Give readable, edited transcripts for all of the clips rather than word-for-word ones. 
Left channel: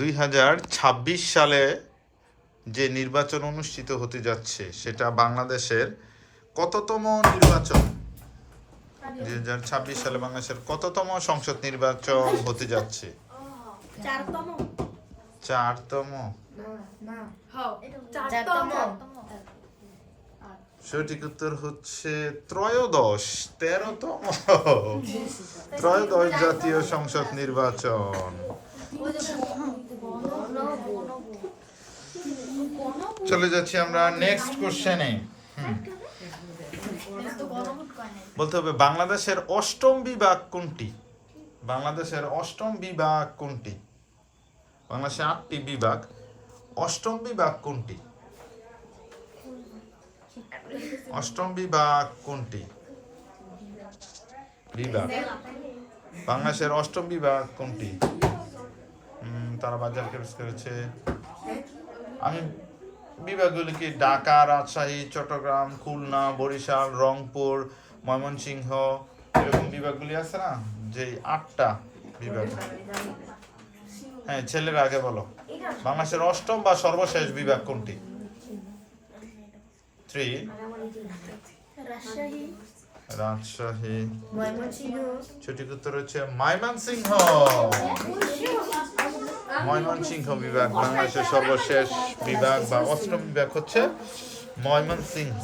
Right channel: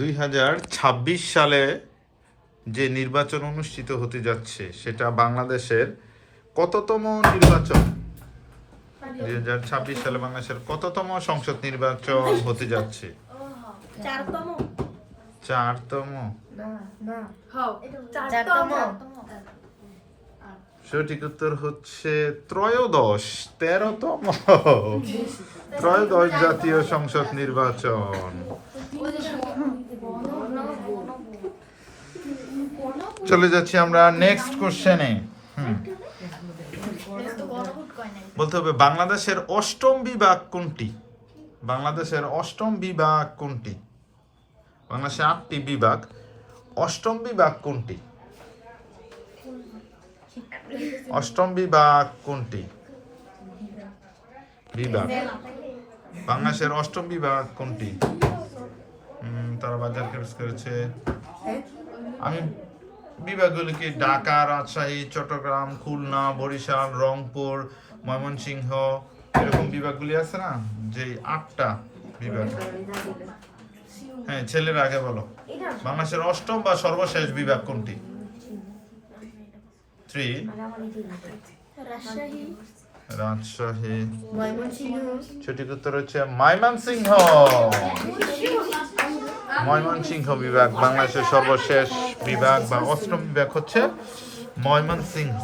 2026 সালে যে নির্বাচন অনুষ্ঠিত হতে যাচ্ছে সেটা বাংলাদেশের কততম নির্বাচন? 2026 সালে বাংলাদেশের কততম সংসদ নির্বাচন হতে যাচ্ছে? চারতম। সঠিক উত্তর হচ্ছে ত্রয়োদশ, 13তম ত্রয়োদশ জাতীয় সংসদ নির্বাচন। চলে যাচ্ছি আমরা নেক্সট কোশ্চেনে। বলতে হবে বাংলাদেশের অষ্টম বিভাগ কোনটি? বাংলাদেশের অষ্টম বিভাগ কোনটি? বাংলাদেশে 8টি বিভাগ, অষ্টম বিভাগ কোনটি? অষ্টম বিভাগ কোনটি? বিভাগ বাংলাদেশের অষ্টম বিভাগ কোনটি? তারা বাজার করেছে। আমি বিভাগগুলিকে ঢাকা, রাজশাহী, চট্টগ্রাম, খুলনা, বরিশাল, রংপুর, ময়মনসিংহ, এরকম বিভাগগুলি আছে না, যে 8টা বিভাগ। হ্যাঁ, ছেলের আগে বলো, বাংলাদেশের অষ্টম বা সর্বশেষ বিভাগ কোনটি? 3 রাজশাহী। সঠিক উত্তর হচ্ছে ময়মনসিংহ। ময়মনসিংহ বিভাগ বাংলাদেশের সর্বশেষ বিভাগ বা অষ্টম বিভাগ হচ্ছে ময়মনসিংহ।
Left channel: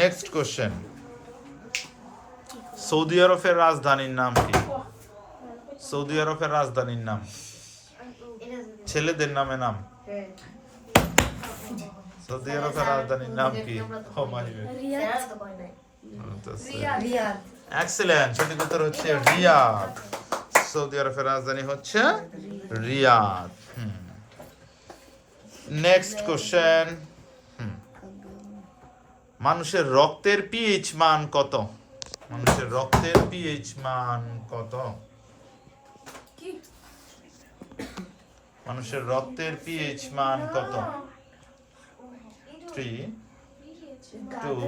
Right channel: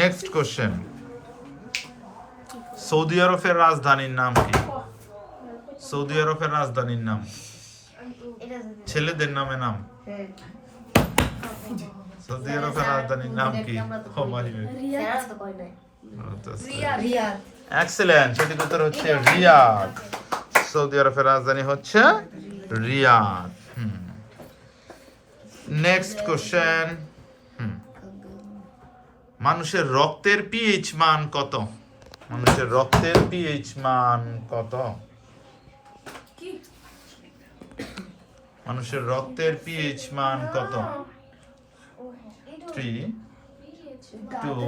নেক্সট কোশ্চেন, সৌদি আরবের রাজধানীর নাম কি? সৌদি আরবের রাজধানীর নাম, ছেলেদের নামে নাম। সৌদি আরবের রাজধানীর নাম কি? এক্সেলেন্ট, সঠিক উত্তর হচ্ছে রিয়াদ। সৌদি আরবের রাজধানী হচ্ছে রিয়াদ। নেক্সট কোশ্চেন, মানুষের রক্তের পিএইচ মান কত? মানুষের রক্তের পিএইচ মান কত? মানুষের রক্তের পিএইচ মান কত? 3 2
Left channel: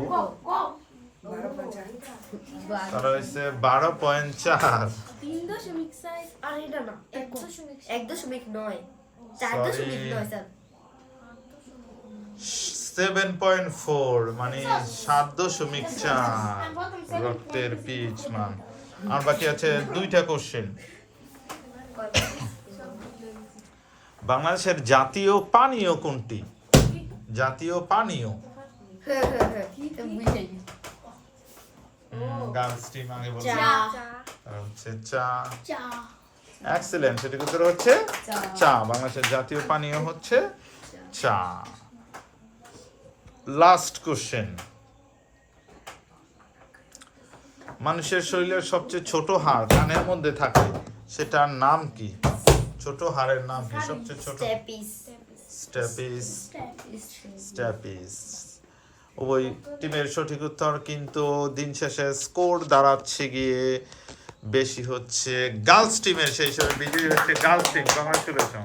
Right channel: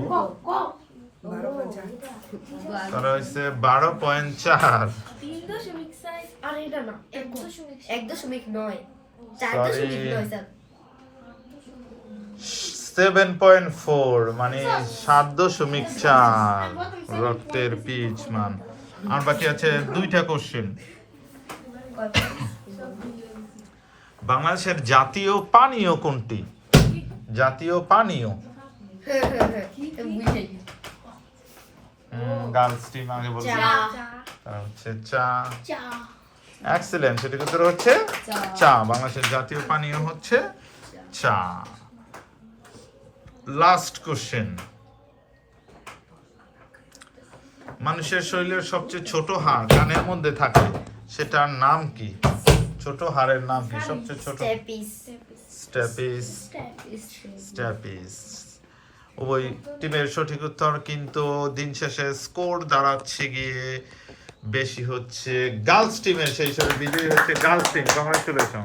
তারা হচ্ছে 12.4। 7.4 মানে 7.4 রক্তের পিএইচ মান। আর বাকি আছে 2টা কোশ্চেন। বাংলাদেশের জাতীয় পানীয় কোনটি? জাতীয় পানীয়। গার্লস টিম আগে বলছে তারা হচ্ছে চা। এক্সেলেন্ট, সঠিক উত্তর হচ্ছে চা। বাংলাদেশের জাতীয় পানীয় হচ্ছে চা। লাস্ট কোশ্চেন, মানুষের শরীরের সবচেয়ে ছোট হাড় কানের মধ্যে থাকে, সেটার নাম কি? ছোট হাড়ের নাম কি? সবচেয়ে ছোট? স্ট্যাপিস। স্ট্যাপিস। ওই টিমের সঠিক উত্তর, কিন্তু দিন শেষে স্কোর দাঁড়াচ্ছে গিয়ে বেশি হচ্ছে গার্লস টিমের। সেই হিসেবে বিজয়ী হচ্ছে গার্লস টিম। কংগ্রাচুলেশন।